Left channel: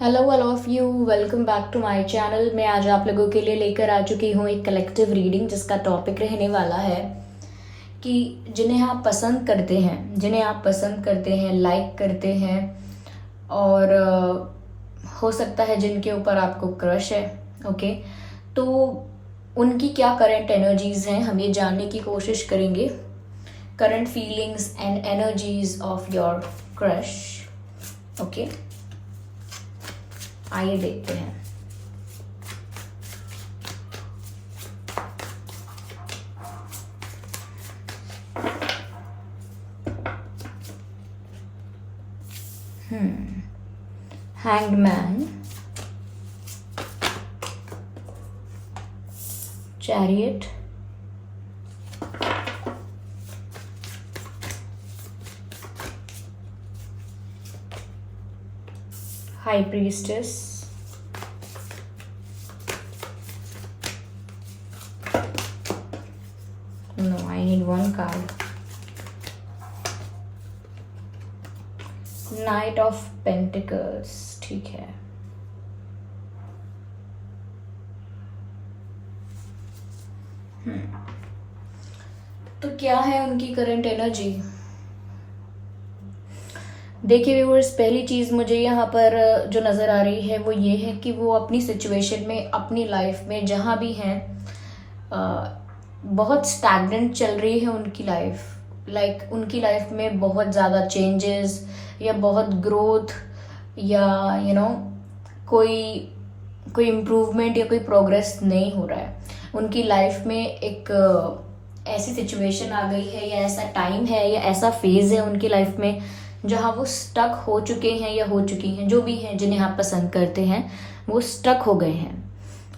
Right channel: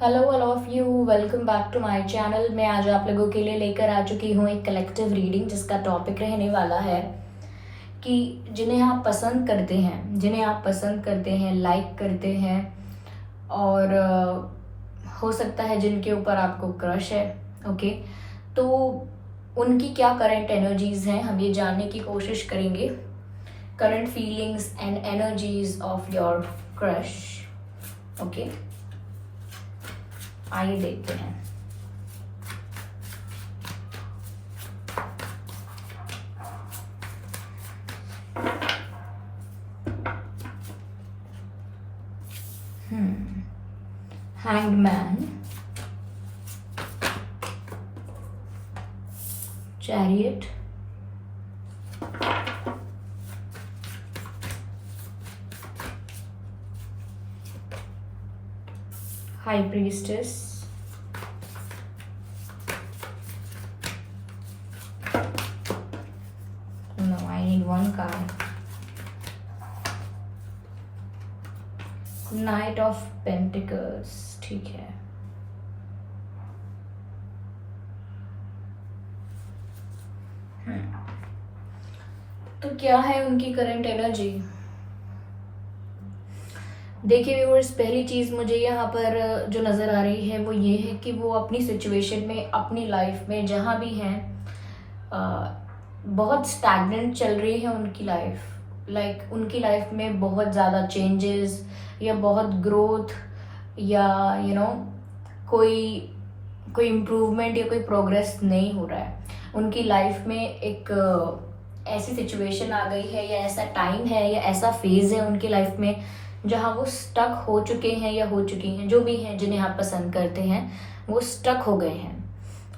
Hello all of you, welcome back to my channel. मैं आज आप लोगों के लिए लेकर आ चुकी हूँ एक कलेक्टिव रीडिंग जिसका टॉपिक रहने वाला है कि जिन्हें आप पसंद करते हैं, लाइक करते हैं और हो सकता है जिनके ऊपर आपको क्रश है। ओके, तो उनकी क्या करंट एनर्जीज हैं, हम ये जानने की कोशिश करेंगे। Current feelings and energies of your crush. Okay, आइए देखते हैं। Hanged man, chariot, high priestess, no, I need one card. Night of pentacles, ठीक है। तो क्या है उनकी करंट एनर्जी? देखिए व्यूअर्स, पहली चीज मुझे यहाँ पर जो नजर आ रही है वो ये है कि वो अपनी सिचुएशन में, अपनी लाइफ में जहाँ भी हैं, बहुत स्टैग्नेंट चल रही है उनकी लाइफ। उनकी लाइफ में बहुत ज़्यादा चेंजेस या बहुत ग्रोथ या कोई इम्प्रूवमेंट या कोई प्रोग्रेस नहीं हो रहा है उनकी लाइफ में। एक ऐसी सिचुएशन आ गई है या ऐसा टाइम है या ऐसा फेज है उनकी लाइफ में जहाँ वो स्टक हो चुके हैं या हो चुकी हैं, जो भी हैं जिन्हें आप पसंद करते हैं वो स्टक हो गए हैं,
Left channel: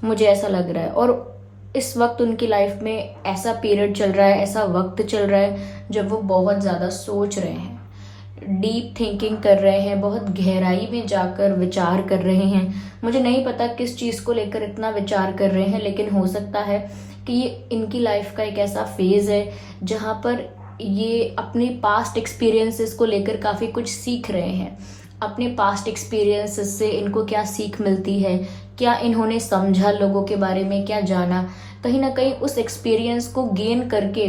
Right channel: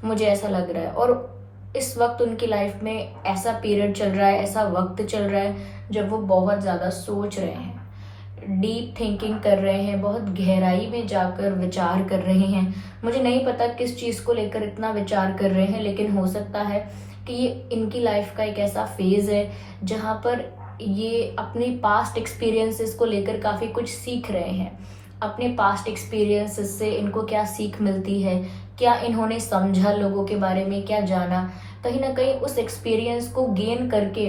मुझे ऐसा लग रहा है। और इस वक्त उनकी लाइफ में ऐसा पीरियड चल रहा है, ऐसा वक्त चल रहा है जब वो बहुत ज़्यादा सोच रहे हैं, डीप थिंकिंग कर रहे हैं, बहुत गहराई में जाकर विचार कर रहे हैं। मुझे नहीं पता किस चीज़ को लेकर इतना विचार कर रहे हैं, लेकिन हो सकता है कि ये इनकी लाइफ का एक ऐसा फेज है जहाँ पर ये अपने पास्ट एक्सपीरियंसेस को लेकर काफ़ी कुछ सीख रहे हैं। अपने पास्ट एक्सपीरियंसेस से इनको क्या सीख मिलती है, क्या इन्होंने समझा लोगों के बारे में, क्या जाना, कहीं ना कहीं उस एक्सपीरियंस को गेन करके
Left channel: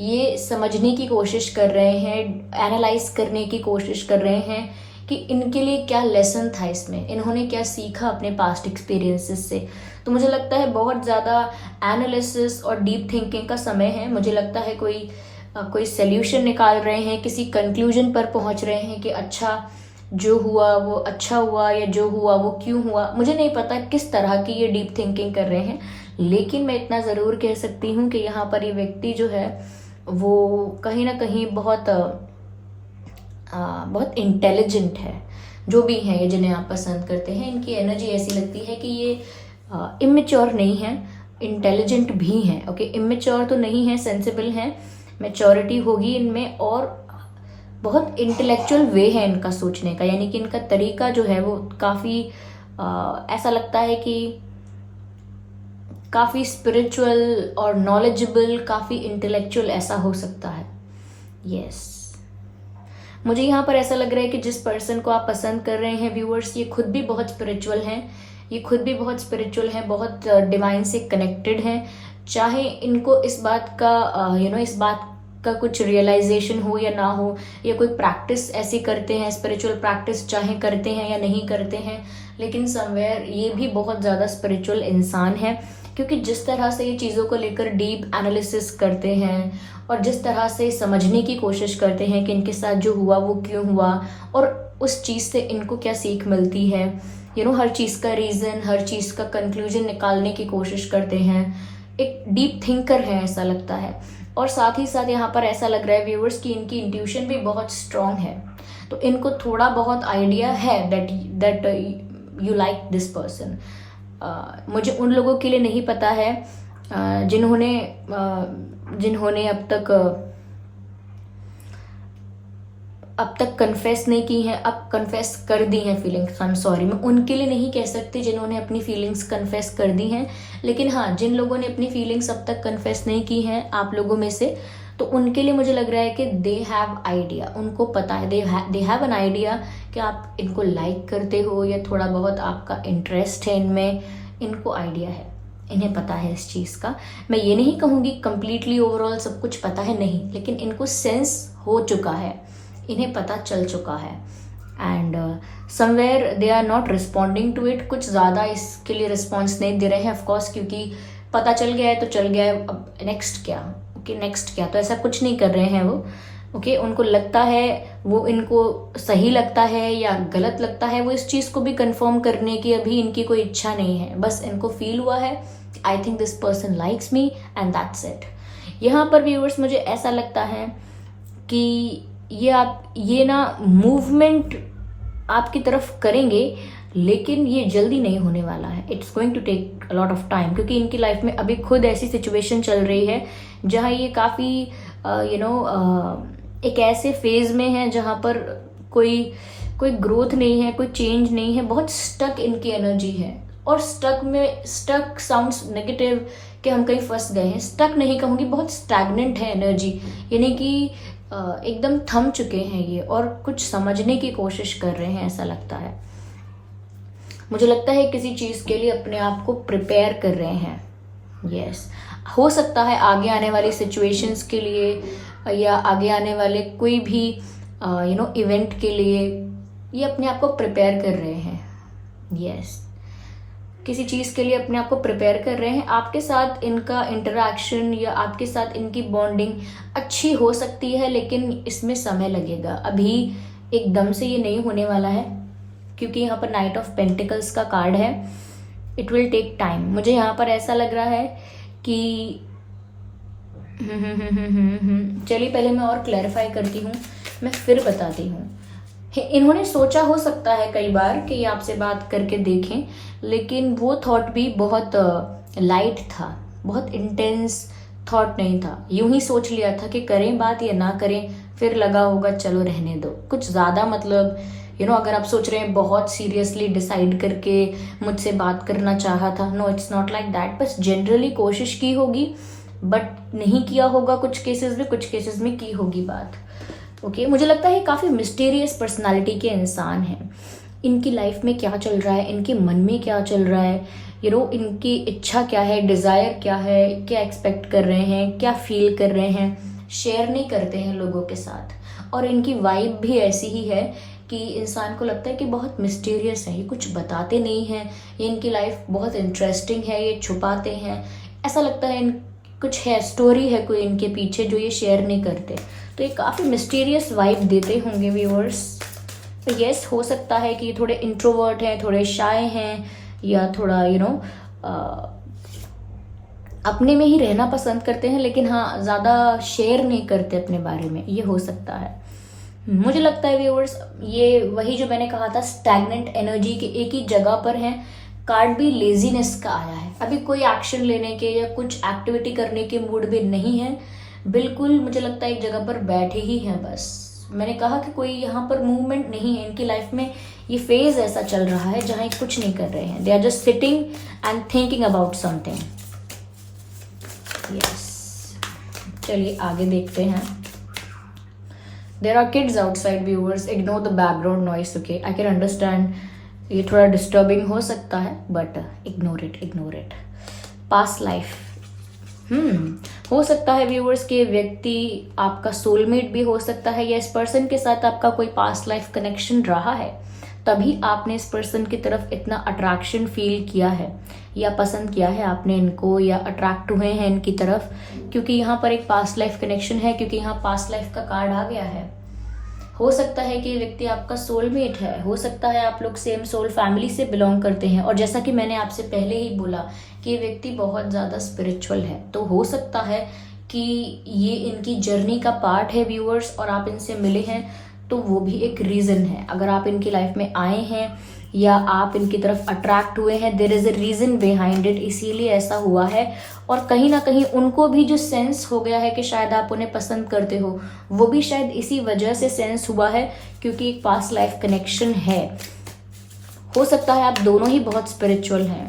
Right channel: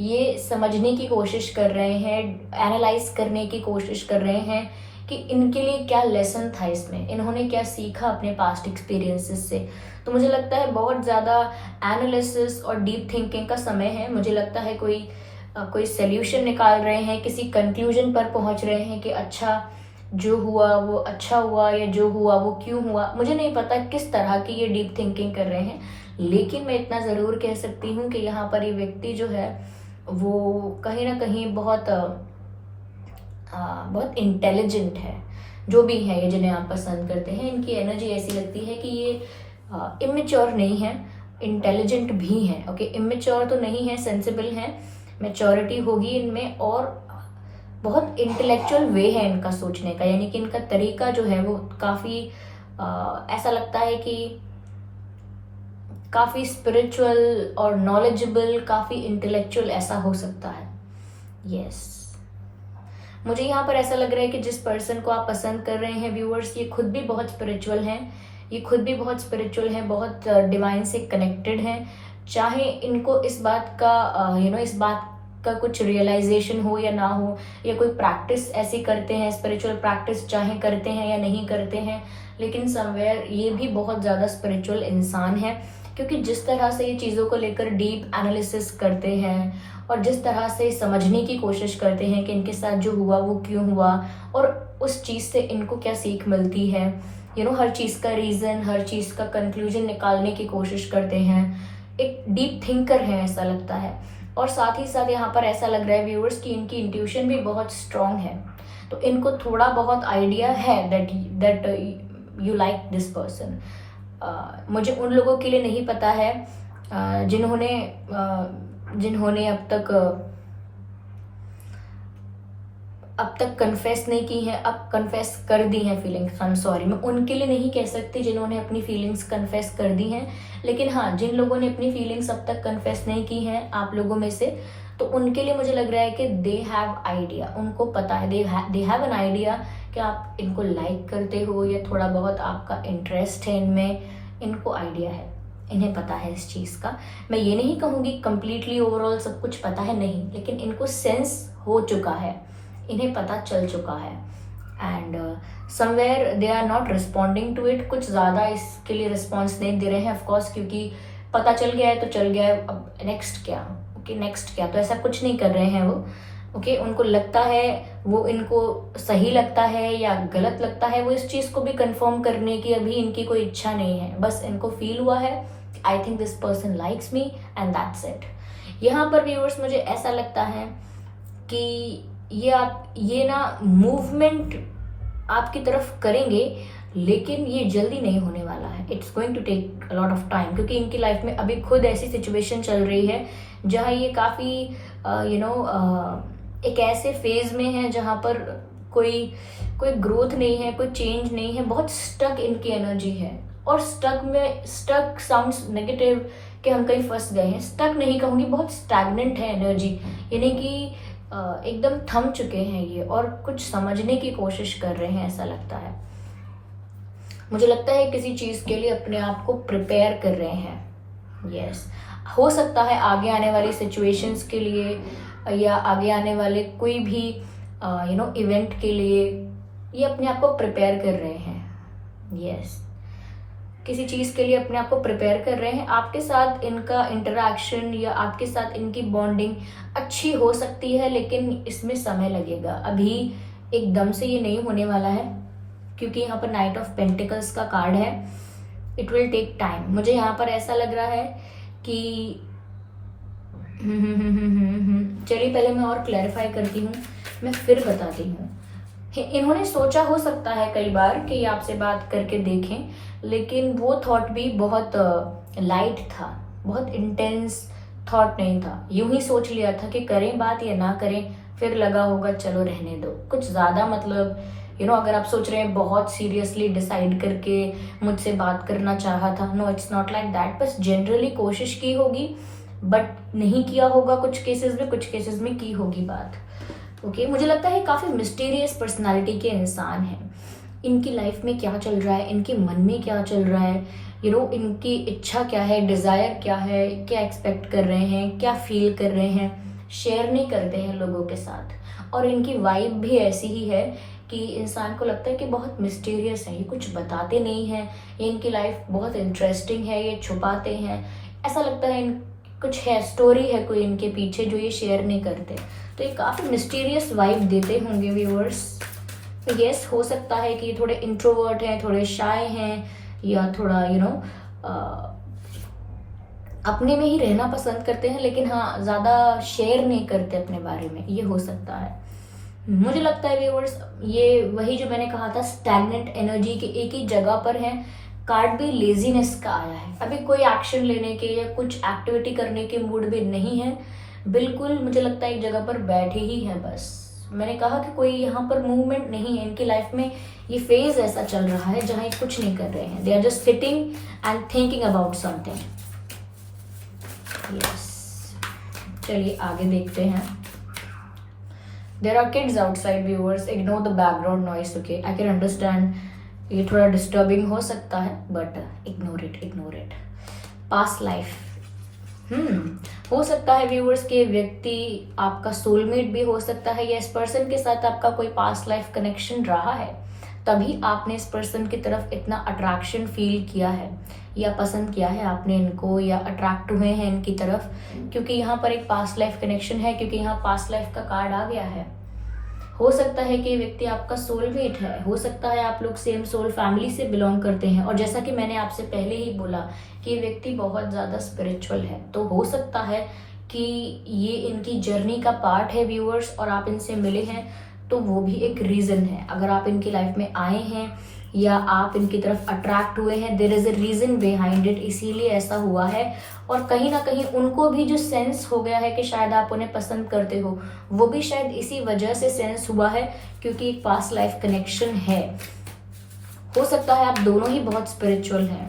ये समझने की कोशिश कर रहे हैं, एनालाइज करने की कोशिश कर रहे हैं कि इनके लिए क्या लेसन था, इसमें इन्होंने क्या सीखा अपने पास्ट एक्सपीरियंसेस से। तो मुझे लगता है बहुत ज़्यादा एनालिसिस और डीप थिंकिंग का समय है। मुझे लगता है कोई सोल्यूशन निकाल रहे हैं, किसी कंक्लूजन पर पहुंच रहे हैं कि अच्छा जो हुआ वो अच्छा हुआ या जो हुआ वो क्यों हुआ। मुझे नहीं पता किस तरह की ये डीप थिंकिंग कर रहे हैं, लेकिन मैं इतना ज़रूर कह सकती हूँ कि यहाँ पर ये व्यक्ति जो है वो कहीं ना कहीं बहुत इंटेलिजेंट है। जो भी है ये जिन्हें आप पसंद करते हैं, इनकी एनर्जी ऐसी लगती है कि ये इमेच्योर नहीं है, इंटेलिजेंट भी हैं। ओके, इमेच्योर तो नहीं है, सेंसिबल हैं, मैच्योरिटी होगी इनमें और बहुत इंटेलेक्चुअल वे है इनका सोचने का, यानी कि इनका तरीका जो है वो काफ़ी ऐसा लगता है कि काफ़ी स्पिरिचुअल और नॉलेजेबल, काफ़ी इंटेलेक्चुअल ऐसा हो सकता है। यस, मुझे यहाँ पर ऐसा लग रहा है कि जिस पर्सन को आप पसंद कर रहे हैं व्यूअर्स, ये खुद भी बहुत स्पिरिचुअल हैं, बहुत डिवाइन से कनेक्टेड हैं। चाहे इनको इस बात का कुछ रियलाइजेशन हो या ना हो, या कोई प्रैक्टिस ऐसी करते हैं, स्पिरिचुअल प्रैक्टिस चाहे करते हैं या नहीं करते हैं, लेकिन समवेयर ये भी बहुत ज़्यादा स्पिरिचुअल इंसान है, क्योंकि जिस तरह से ये चीज़ों को लेकर डीप एनालिसिस करते हैं और जिस तरह से समझने की कोशिश करते हैं कि इनके साथ जो हुआ वो क्यों हुआ और उस चीज़ से इनको क्या सीख मिलती है, हर चीज़ का रीज़न, हर चीज़ का कंक्लूजन निकालने की कोशिश करते हैं। एक डीप थिंकर है ऐसा लगता है। और साथ ही साथ यहाँ पर ऐसा लग रहा है व्यूअर्स कि इनकी इंट्यूशन भी बहुत स्ट्रांग है, तो इनको थोड़ा बहुत आइडिया है that you like this person. मुझे उन लोगों के लिए नहीं पता है जिन्होंने अब तक कन्फेस नहीं की हैं, अब कन्फेस कर दी हैं फीलिंग्स। आई एम सॉरी, मैं उनके लिए नहीं कह सकती जिन्होंने अपनी फीलिंग्स कन्फेस कर दी हैं, लेकिन हाँ, जिन लोगों ने अपनी फीलिंग्स अब तक कन्फेस नहीं की हैं आप लोगों में से, तो उनके लिए मुझे लग रहा है कि दे हैव आइडिया, उनको पता है, दे हैव एन आइडिया कि आप इनको लाइक करते हो या थोड़ा बहुत आपका इंटरेस्ट है इनमें, इनको आइडिया है, इन्हें पता है इस चीज़ का। मैं ये नहीं कहूँगी कंप्लीटली ओवरऑल सब कुछ पता है, नहीं, लेकिन इनको सेंस हो चुका है, इन्हें पता चल चुका है। And somewhere they are not responding to it, कुछ ज़्यादा इसके लिए रिस्पॉन्स नहीं दे रहे हैं ऑफकोर्स, क्योंकि पता चल गया है तो चल गया है, अब नेक्स्ट क्या, ओके नेक्स्ट क्या, तो ऐसा कुछ नहीं कर रहे हैं वो। ओके उनको लगता है, वो इनको सही लगता है या गलत लगता है, वो इस चीज़ को भी कंफर्म करने की अभी इनकी कोई इच्छा नहीं है। बस इनको फील हुआ है I think this person likes me and that's it. यहाँ पर व्यूअर्स मुझे ऐसा लगता है कि ये ना मूवमेंट आपकी तरफ करेंगे, लेकिन ये जल्दी नहीं होने वाला है। It's going to take a lot of time, क्योंकि इनकी लाइफ में अभी खुद ऐसी सिचुएशन चल रही है जहाँ ये काफ़ी एक ऐसे फेज में है जहाँ पर कोई ग्रोथ नहीं है, कोई चेंज नहीं है, बहुत स्टक इनकी एनर्जी है। और स्टक साउंड्स नेगेटिव कि हम कहीं फंस गए हैं, स्टक नहीं कहूँगी, बहुत स्टैग्नेंट है एनर्जी, यानी कि एकदम थम चुके हैं ये और कुछ समझने की कोशिश कर रहे हैं, ऐसा लगता है। मुझे लगता है किसी चीज़ के लिए अपने आप को प्रिपेयर कर रहे हैं। यस हो सकता है आगे आने वाली सिचुएशंस के लिए या आगे आने वाले कोई भी इवेंट के लिए ये अपने आप को प्रिपेयर कर रहे हैं। यस किसी चीज़ के लिए अपने आप को प्रिपेयर कर रहे हैं। आपके साथ इनका इंटरेक्शन या आपके साथ इनकी बॉन्डिंग अच्छी हो सकती है, लेकिन इसमें समय लगेगा, अभी एकदम से ये नहीं होने वाला है, क्योंकि यहाँ पर नाइट ऑफ पेंटिकल्स का कार्ड है। It will take time. मुझे यहाँ पर ऐसा लग रहा है कि चलिए पहले मैं और क्लैरिफाई करती हूँ, मैं फिर बताती हूँ। इन्होंने सोचा हो सकता है कई बार कि ये आपसे बात करके देखें, लेकिन वो थॉट भी बहुत लाइट था, बहुत इंटेंस थॉट नहीं था। यूं ही सोच लिया था कि करें बात या ना करें, फिर लगा होगा चलो रहने दो। कुछ ज़्यादा मतलब अगर आप सोच रहे हैं बहुत सीरियसली डिसाइड करके मुझसे बात करना चाहा था, no it's not like that. बस जनरली कोशिश की होगी बट नहीं किया होगा, कुछ केसेस में की होगी बात। ओके मुझे लगता है काफ़ी मिस्टीरियस पर्सनालिटी के इंसान हैं। इनकी लाइफ में क्या चल रहा है, इनके मन में क्या चल रहा है, इनकी इच्छा क्या है, डिज़ायर क्या है, क्या एक्सपेक्ट कर रहे हैं, क्या फील कर रहे हैं, शेयर नहीं करते हैं लोगों के साथ। और इनकी वाइब भी ऐसी ही है कि इंसान को लगता है कि बहुत मिस्टीरियस है, ये कुछ बताते नहीं हैं, ये इनकी लाइफ बहुत इंटरेस्टिंग है, ये छुपाते हैं, ऐसा लगता है कुछ है, स्टोरी है कोई इनके पीछे जो ये शेयर नहीं करते। तो ये काफ़ी मिस्टीरियस वाइब देते होंगे व्यूअर्स। तो यस हो सकता है कि थोड़े इंट्रोवर्ट हैं, थोड़े शाय हैं, या थोड़ा अपने में ही रहना पसंद करते हैं, लेकिन हाँ ज़्यादा शेयर नहीं करते अपने बारे में, ये हो सकता है। मुझे लगता है व्यूअर्स ये वही जो मैंने कहा था स्टैग्नेंट एनर्जी के एक ही जगह पर हैं। कार्ड भी लेजीनेस का आया है, अभी कोई एक्शन लेने के या कुछ एक्टिविटी करने के मूड में नहीं है, बिल्कुल मुझे लगता है एक जगह पर बैठे ही है बस। मैंने कहा कि कोई यहाँ पर मूवमेंट नहीं है इनकी लाइफ में। ये फेज ऐसा चल रहा है जहाँ ये कुछ नहीं कर रहे हैं, they are just sitting and thinking about something. Yes चलिए आगे देखते हैं। There are kids outside viewers, ignore the background noise, okay? I can understand ये थोड़ा disturbing हो सकता है but ignore it. Past life हो सकता है व्यूअर्स के व्यक्ति आपका सोलमेट भी हो सकता है, या इस पर्सन के साथ आपका कोई पास्ट लाइफ कनेक्शन रहा है, तभी आपने इस पर्सन की तरफ इतना अट्रैक्शन फील किया है या पसंद किया है आपने इनको, या अट्रैक्ट हुए हैं इनकी तरफ, क्योंकि यहाँ पर एक पास्ट लाइफ कनेक्शन है, क्योंकि यहाँ पास्ट लाइफ का कार्ड आ गया है। हो सकता है कि व्यक्ति आपका सोलमेट है, हो सकता है आप लोग सेम सोल फैमिली से बिलोंग करते हैं, और जैसा कि मैंने आपसे पहले ही बोला कि व्यक्ति बहुत ज़्यादा स्पिरिचुअल है, तो हो सकता है कि ये इनकी जर्नी का पार्ट है व्यूअर्स, और आप इनसे मिले हैं तो वो भी एक रीज़न है। अगर आप इनकी लाइफ में आए हैं या आप इनकी तरफ अट्रैक्ट हुए हैं, there is a reason behind it, इसीलिए ऐसा हुआ है। और कहीं ना कहीं उनको भी जो सेंस हो गया है कि शायद आप उन्हें पसंद करते हो, वो भी शायद इसी वजह से सेंस हुआ है, क्योंकि एक पास्ट लाइफ कनेक्शन है। हो सकता है आप दोनों ही बहुत स्पिरिचुअल हैं।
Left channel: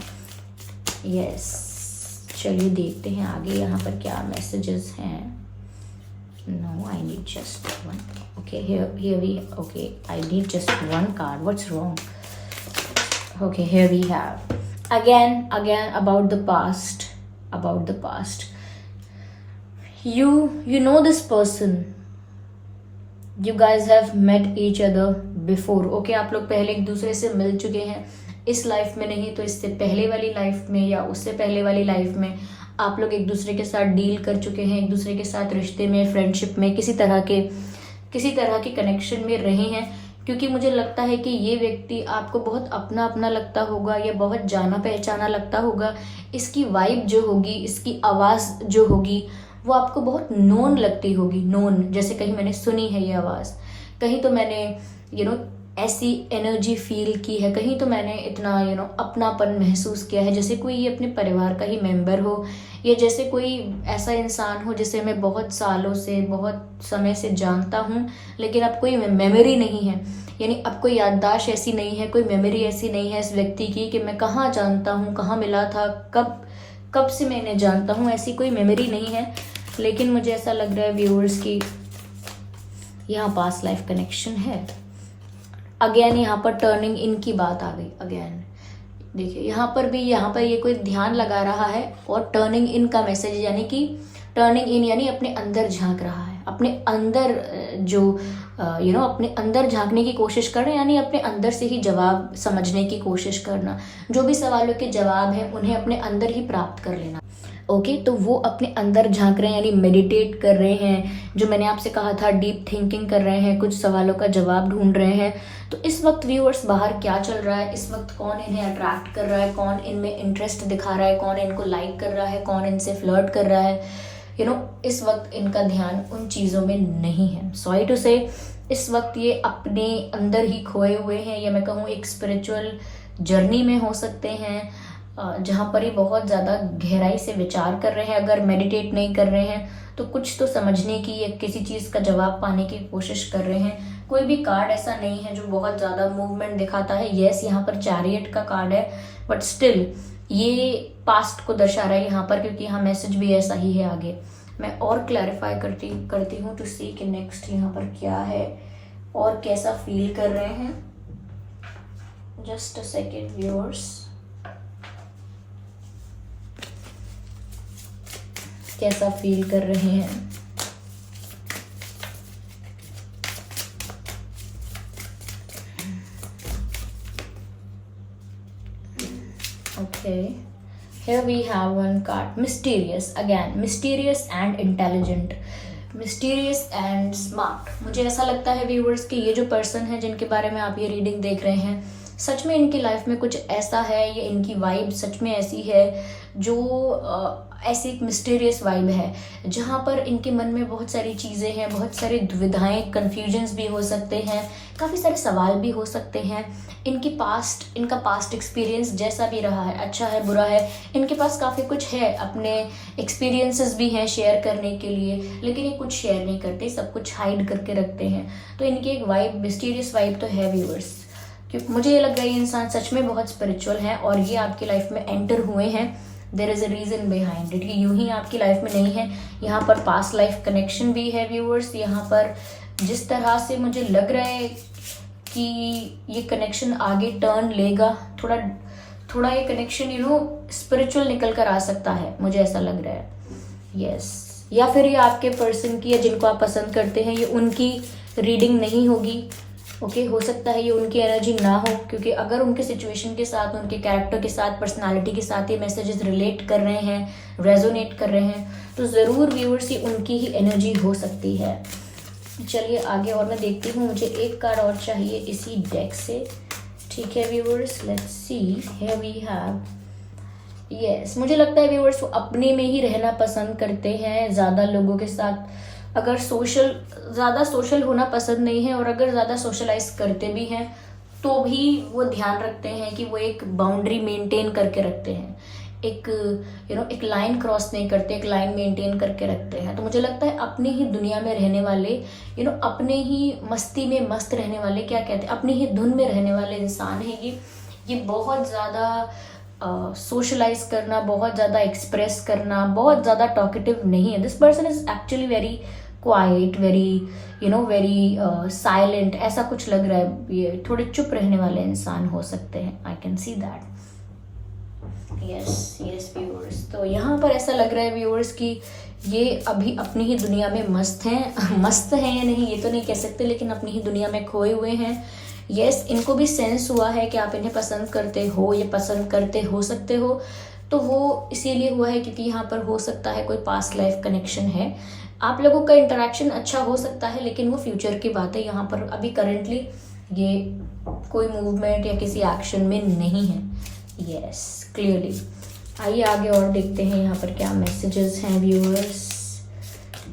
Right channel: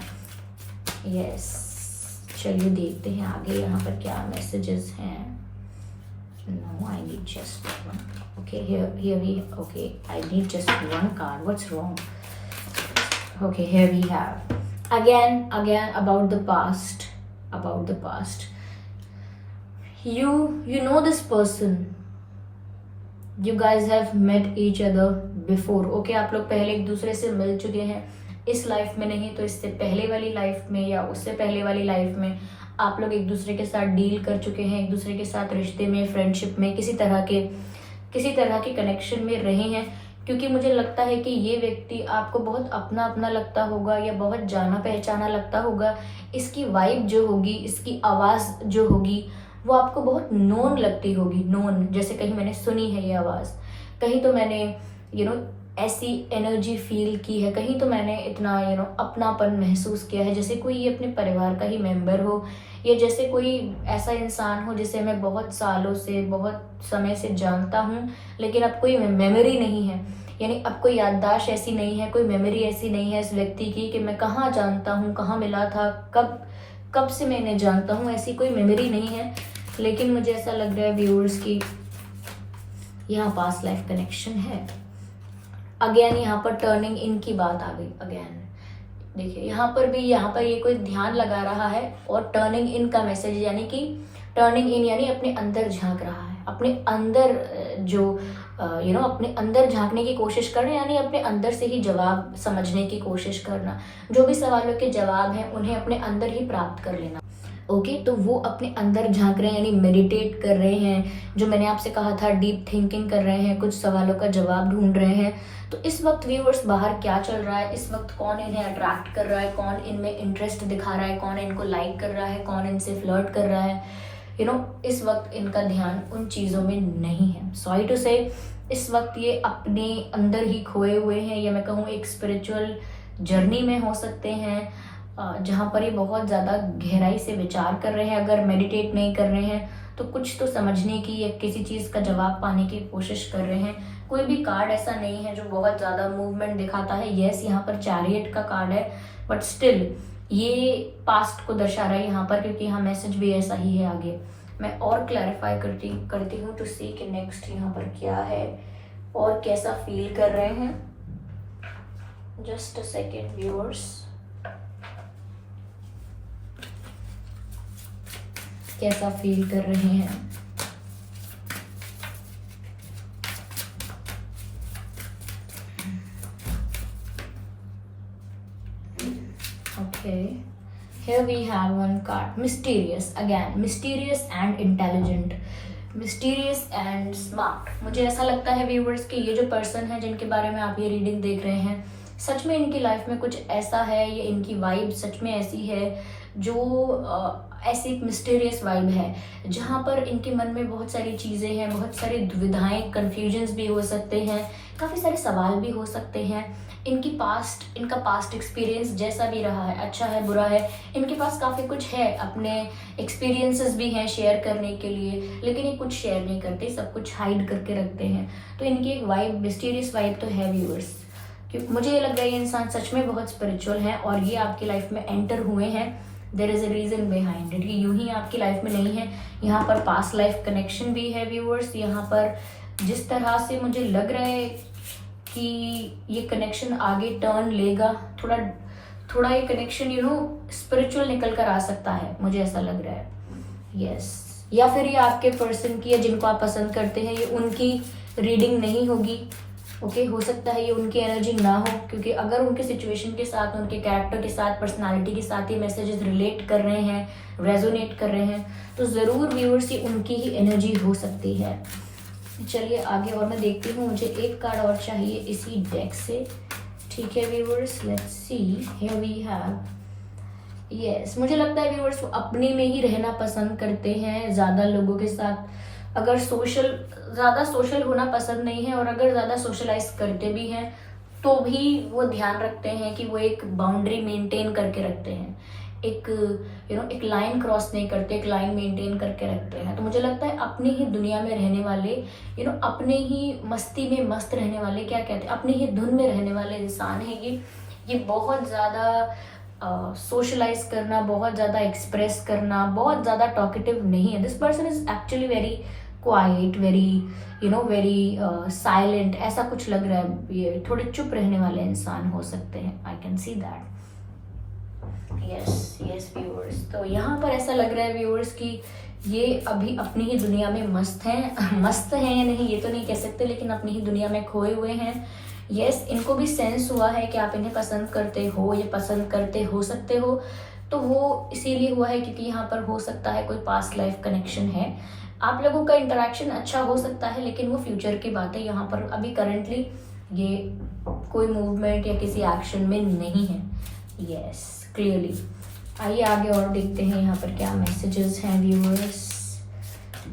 यस चलिए देखते हैं आगे यहाँ पर क्या मैसेजेस हैं। No, I need just one. Okay, okay, I need just one card. What's wrong? Okay, here we have. Again, about the past. You know this person. You guys have met each other before. Okay, आप लोग पहले एक दूसरे से मिल चुके हैं. इस life में नहीं तो इससे पहले वाली लाइफ में या उससे पहले वाली लाइफ में आप लोग एक दूसरे के साथ डील कर चुके हैं, एक दूसरे के साथ रिश्ते में, फ्रेंडशिप में, किसी तरह के कनेक्शन में रहे हैं. क्योंकि मुझे लगता है कि ये व्यक्ति आपको बहुत अपना अपना लगता होगा या बहुत जाना पहचाना लगता होगा. इसकी वाइब जो होगी, इसकी आवाज़ जो होगी वो आपको बहुत नोन लगती होगी. नोन, जैसे कहीं मैंने सुनी है ये आवाज़, कहीं तो मैंने ऐसी एनर्जी फील की है, कहीं तो मैंने इतना अपनापन महसूस किया है, जैसे कोई ये अपने परिवार का ही मेंबर हो, या जैसे कोई ऐसा इंसान हो जिसे मैं बहुत सालों से, बहुत समय से जानता हूँ, लेकिन अब कोई मेमोरी नहीं है. यानी अब कोई याददाश्त ऐसी नहीं है, कोई मेमोरी ऐसी नहीं है इस व्यक्ति की कि मैं कहाँ जानता हूँ, कहाँ मिला था, कब से मैं इन्हें जानता हूँ, ऐसी कोई मेमोरी नहीं है. लेकिन मुझे ऐसा लग रहा है व्यूअर्स की यहाँ पास्ट लाइफ कनेक्शन है. अगेन यहाँ पर टर्निंग इन की बात आ गई. अगेन देखिए यहाँ पर ये कोई ध्यान लगा रहा है और टर्निंग इन का मैसेज, यानी कि टर्निंग इन यानी अपने अंदर झांक रहा है, अपने अंदर जो अपने अंदर झांकने की कोशिश कर रहे हैं, यानी अपने अंदर से ही जवाब समझने की कोशिश करना. जो भी सवालों के जवाब हैं उन्हें अपने अंदर ही प्राप्त कर लेना. ओके, तो वो अपने अंदर झांक रहे हैं, यानी मेडिटेट कर रहे हैं, जो मैंने आपसे कहा था डीप थिंकिंग कर रहे हैं, कुछ सवालों का जवाब ढूंढ रहे हैं. तो इस वक्त व्यूअर्स बाहर क्या चल रहा है, इस वक्त कौन इन्हें अट्रैक्ट कर रहा है, कौन इनमें इंटरेस्ट दिखा रहा है, कौन इनको लाइक कर रहा है, कौन इनसे फ्लर्ट कर रहा है, इस वक्त इनका ध्यान उन चीज़ों में नहीं है. सॉरी टू से, इस वक्त ये अपने अंदर ही खोए हुए हैं, या मैं कहूँ एक स्पिरिचुअल जर्नी में हो सकते हैं, जहाँ पर ये बहुत ज़्यादा गहराई से विचार कर रहे हैं. अगर मेडिटेट नहीं कर रहे हैं तो कुछ तो समझने की या किसी चीज़ का जवाब पाने की कोशिश कर रहे हैं. कोई भी कार्ड ऐसा नहीं है जो बहुत ज़्यादा मूवमेंट दिखाता है. यस, यहाँ पर चैरियट का कार्ड है, बट स्टिल ये पास्ट को दर्शा रहा है यहाँ पर, क्योंकि यहाँ मैसेज भी ऐसा ही है. आगे मैं और क्लैरिफाई करती हूँ टू सी कि नेक्स्ट यहाँ पर क्या है और कैसा फील कर रहे हैं. जस्ट अ सेकेंड व्यूअर्स, कैसा फील कर रहे हैं. Okay, here we have one card, mysterious. Again, mysterious and intelligent, mysterious and smart. मुझे ऐसा लगता है व्यूअर्स कि ये जो पर्सन है जिनके बारे में आप ये रीडिंग देख रहे हैं, सच में इनकी लाइफ में कुछ ऐसा है, या इनकी वाइब सच में ऐसी है जो ऐसी एक मिस्टीरियस वाइब है, जहाँ पर इनके मन में बहुत सारी चीज़ें हैं, बहुत सारी दुविधाएं, कन्फ्यूजन्स भी हो सकते हैं, काफ़ी सारे सवाल भी हो सकते हैं. इनका पास्ट एक्सपीरियंस जैसा भी रहा है, अच्छा है, बुरा है, इनके पास काफ़ी कुछ है, अपने एक्सपीरियंसेस भी हैं शेयर करने के लिए, लेकिन ये कुछ शेयर नहीं करते, सब कुछ हाइड करके रखते हैं. तो इनकी एक वाइब, मिस्टीरियस वाइब तो है व्यूअर्स. मुझे ये लग रहा है ये इंसान सच में बहुत स्पिरिचुअल है और ये आपकी लाइफ में एंटर हुए हैं. There is a reason behind it. ये यूं ही आपकी लाइफ में नहीं है. यहाँ पर पास्ट लाइफ कनेक्शन भी है व्यूअर्स. यहाँ पर जिस तरह से मुझे लग रहा है कि ये कनेक्शन आगे टर्न लेगा, थोड़ा ये कनेक्शन स्पिरिचुअल निकल कर आ सकता है, मुझे ऐसा लग रहा है. यस, या फिर ये आपके पर्सन की, या जिनको आप पसंद करते हैं, ये उनकी रीडिंग नहीं होगी. ओके, हो सकता है ये उनकी एनर्जी ना हो, क्योंकि अगर उनके सिचुएशन के साथ, उनके कैरेक्टर के साथ, पर्सनालिटी के साथ ये मैसेजेस रिलेट कर रहे हैं, रेजोनेट कर रहे हैं, तो ज़रूर व्यूअर्स ये उनकी ही एनर्जी हो सकती है. चलिए आगे और मैं देखती हूँ. मुझे एक कार्ड और चाहिए इसी डेक से. ठीक है viewers, let's see. Here we have, yes, मुझे लगता है व्यूअर्स वो अपने में ही रहना पसंद करते हैं, ज़्यादा लोगों के साथ अगर ज़्यादा सोशल होना पसंद नहीं है, और अगर ज़्यादा सोशलाइज करते भी हैं तो भी वो ध्यान रखते हैं कि वो एक बाउंड्री मेंटेन करके रखते हैं, एक लाइन क्रॉस नहीं करते, एक लाइन मेंटेन करके रखते हैं. तो मुझे लगता है अपनी ही दुनिया में रहने वाले, अपने ही मस्ती में मस्त रहने वाले, क्या कहते हैं, अपनी ही धुन में रहने वाले इंसान है ये बहुत ज़्यादा सोशलाइज करना, बहुत ज़्यादा एक्सप्रेस करना, बहुत ज़्यादा टॉकेटिव नहीं है. This person is actually very quite, very very silent, ऐसा कुछ लग रहा है। ये थोड़े चुप रहने वाले इंसान हो सकते हैं, I can see that. Yes viewers, तो यहाँ पर ऐसा लग रहा है व्यूअर्स कि ये अभी अपनी ही दुनिया में मस्त हैं। मस्त हैं या नहीं ये तो नहीं कह सकते, लेकिन अपनी ही दुनिया में खोए हुए हैं। यस, इनको भी सेंस हुआ है कि आप इन्हें पसंद करते हो, ये पसंद करते हो सकते हो, तो वो इसीलिए हुआ है क्योंकि यहाँ पर हो सकता है कोई पास्ट लाइफ कनेक्शन है। आप लोगों का इंटरेक्शन अच्छा हो सकता है, लेकिन वो फ्यूचर की बातें यहाँ पर अभी करंटली ये कोई मूवमेंट या किसी एक्शन में नहीं है। Yes, clearly. आइए आगे और देखते हैं यहाँ पर क्या मैसेजेस हैं व्यूअर्स,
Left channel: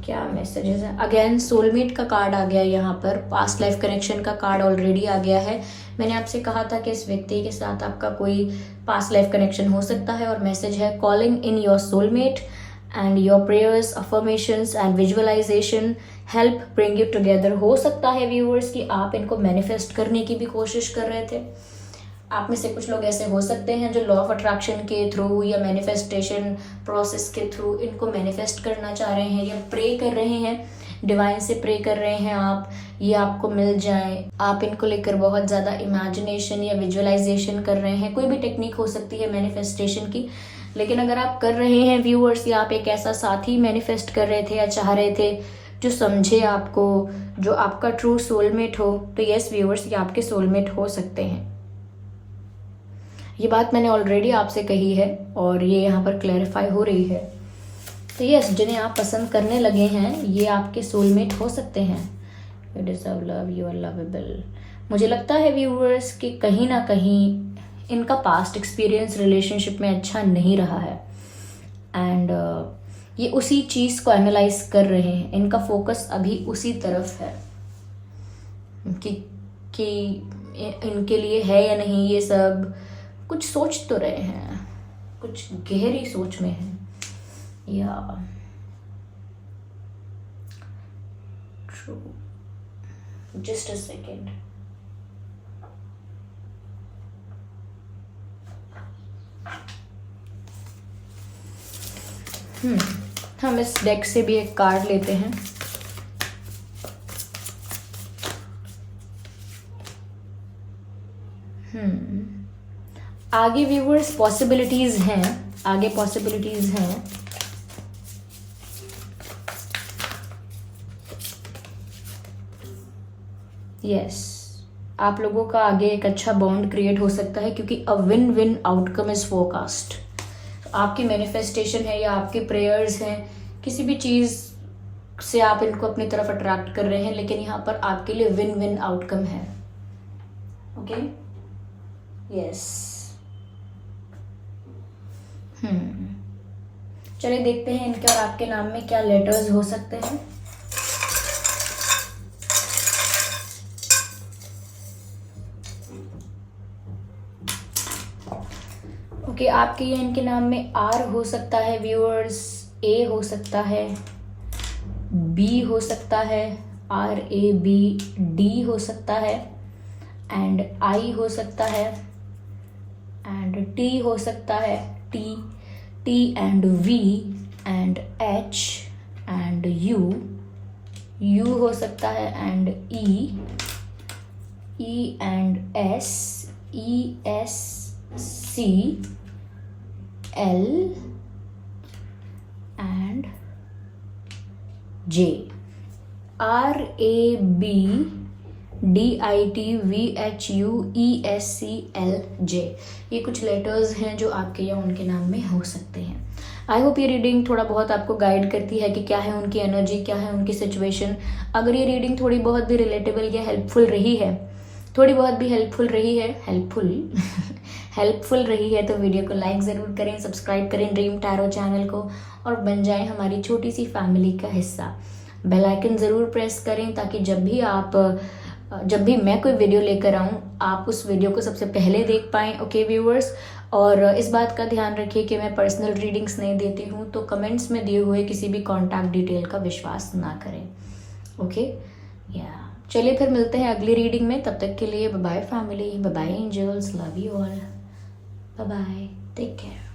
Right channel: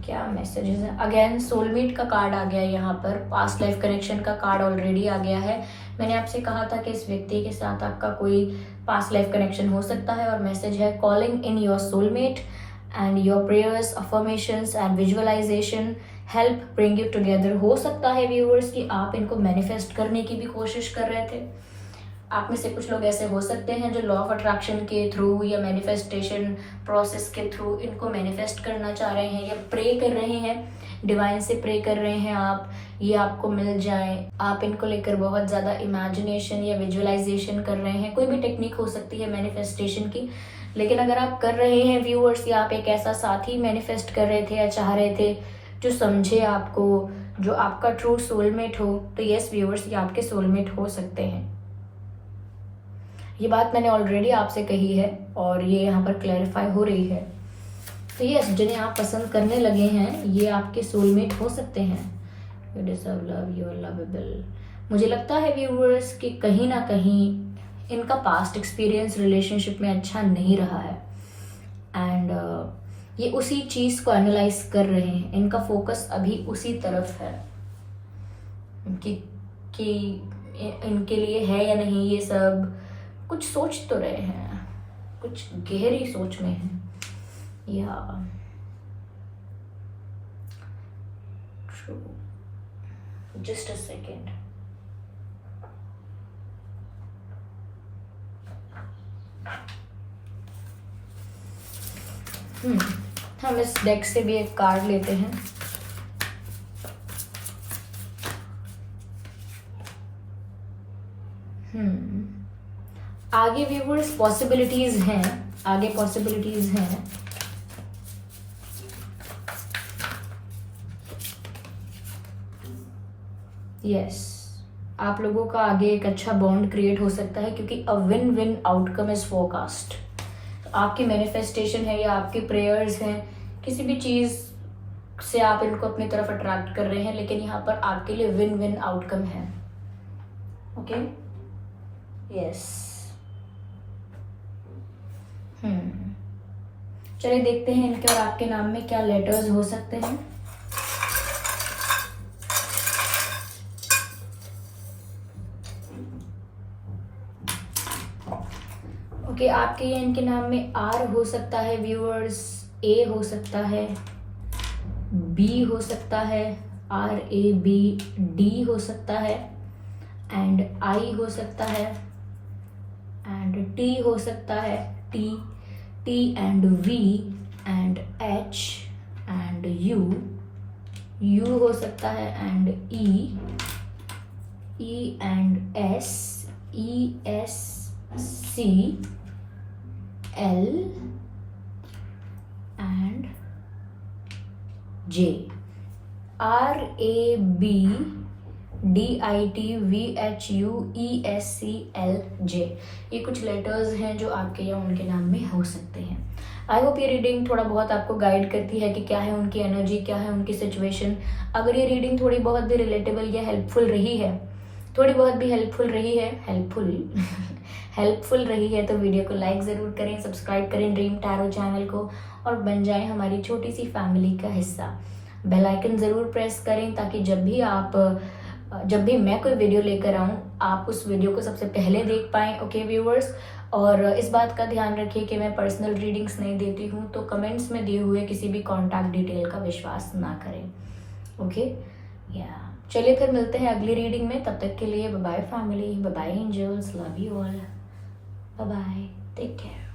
क्या मैसेजेस हैं। अगेन सोलमेट का कार्ड आ गया यहाँ पर, पास्ट लाइफ कनेक्शन का कार्ड ऑलरेडी आ गया है। मैंने आपसे कहा था कि इस व्यक्ति के साथ आपका कोई पास्ट लाइफ कनेक्शन हो सकता है, और मैसेज है calling in your soulmate and your prayers, affirmations and visualisation help bring you together. हो सकता है व्यूअर्स कि आप इनको मैनिफेस्ट करने की भी कोशिश कर रहे थे। आप में से कुछ लोग ऐसे हो सकते हैं जो लॉ ऑफ अट्रैक्शन के थ्रू या मैनिफेस्टेशन प्रोसेस के थ्रू इनको मैनिफेस्ट करना चाह रहे हैं, या प्रे कर रहे हैं, डिवाइन से प्रे कर रहे हैं आप, ये आपको मिल जाए। आप इनको लेकर बहुत ज़्यादा इमेजिनेशन या विजुअलाइजेशन कर रहे हैं। कोई भी टेक्निक हो सकती है मैनिफेस्टेशन की, लेकिन अगर आप कर रहे हैं व्यूअर्स, या आप एक ऐसा साथी मैनिफेस्ट कर रहे थे या चाह रहे थे जो समझे आपको, जो आपका ट्रू सोलमेट हो, तो यस व्यूअर्स, ये आपके सोलमेट हो सकते हैं। ये बात मैंने ऑलरेडी आपसे कही है और ये यहाँ पर क्लैरिफाई हो रही है। तो यस, जिन्हें आप पसंद करने लगे हैं ये आपके सोलमेट हो सकते हैं। You deserve love, you are lovable. मुझे लगता है व्यूअर्स कि कहीं ना कहीं इनका पास्ट एक्सपीरियंस रिलेशनशिप में अच्छा नहीं रहा है, एंड ये उसी चीज़ को एनालाइज कर रहे हैं। इनका फोकस अभी उसी तरफ है कि इनके लिए है या नहीं ये सब। कुछ सोच तो रहे हैं, कुछ गहरी सोच में है, या ट्रू। Just a second. हम इस डेक से भी एक कार्ड लेते हैं। आगे व्यूअर्स पॉसिबिलिटीज हैं, आगे पॉसिबिलिटीज हैं। यस, आप लोगों का आगे एक अच्छा बॉन्ड क्रिएट हो सकता है, क्योंकि a win win outcome is forecast. आपकी मैनिफेस्टेशन है या आपके प्रेयर्स हैं, किसी भी चीज से आप इनको अपनी तरफ अट्रैक्ट कर रहे हैं, लेकिन यहाँ पर आपके लिए विन विन आउटकम है। Okay, yes. चलिए देखते हैं इनके और आपके नाम में क्या लेटर्स हो सकते हैं। ओके, आपके इनके नाम में आर हो सकता है व्यूअर्स, ए हो सकता है, बी हो सकता है, RAB, डी हो सकता है, एंड आई हो सकता है, एंड टी हो सकता है, T and V and H and U हो सकता है, and E and S, C, L and J, RAB, DIT, VHU, ESCL, J। ये कुछ लेटर्स हैं जो आपके या उनके नाम में हो सकते हैं। आई होप ये रीडिंग थोड़ा बहुत आपको गाइड करती है कि क्या है उनकी एनर्जी, क्या है उनकी सिचुएशन। अगर ये रीडिंग थोड़ी बहुत भी रिलेटेबल या हेल्पफुल रही है, थोड़ी बहुत भी हेल्पफुल रही है तो वीडियो को लाइक ज़रूर करें, सब्सक्राइब करें ड्रीम टैरो चैनल को, और बन जाएं हमारी छोटी सी फैमिली का हिस्सा। बेल आइकन ज़रूर प्रेस करें ताकि जब भी मैं कोई वीडियो लेकर आऊँ आप उस वीडियो को सबसे पहले देख पाएँ। ओके व्यूअर्स, और इस बात का ध्यान रखिए कि मैं पर्सनल रीडिंग्स नहीं देती हूँ, तो कमेंट्स में दिए हुए किसी भी कॉन्टैक्ट डिटेल का विश्वास ना करें। ओके, या चलिए फिर मिलते हैं अगली रीडिंग में। तब तक के लिए bye bye family, bye bye angels, love you all, bye bye, take care.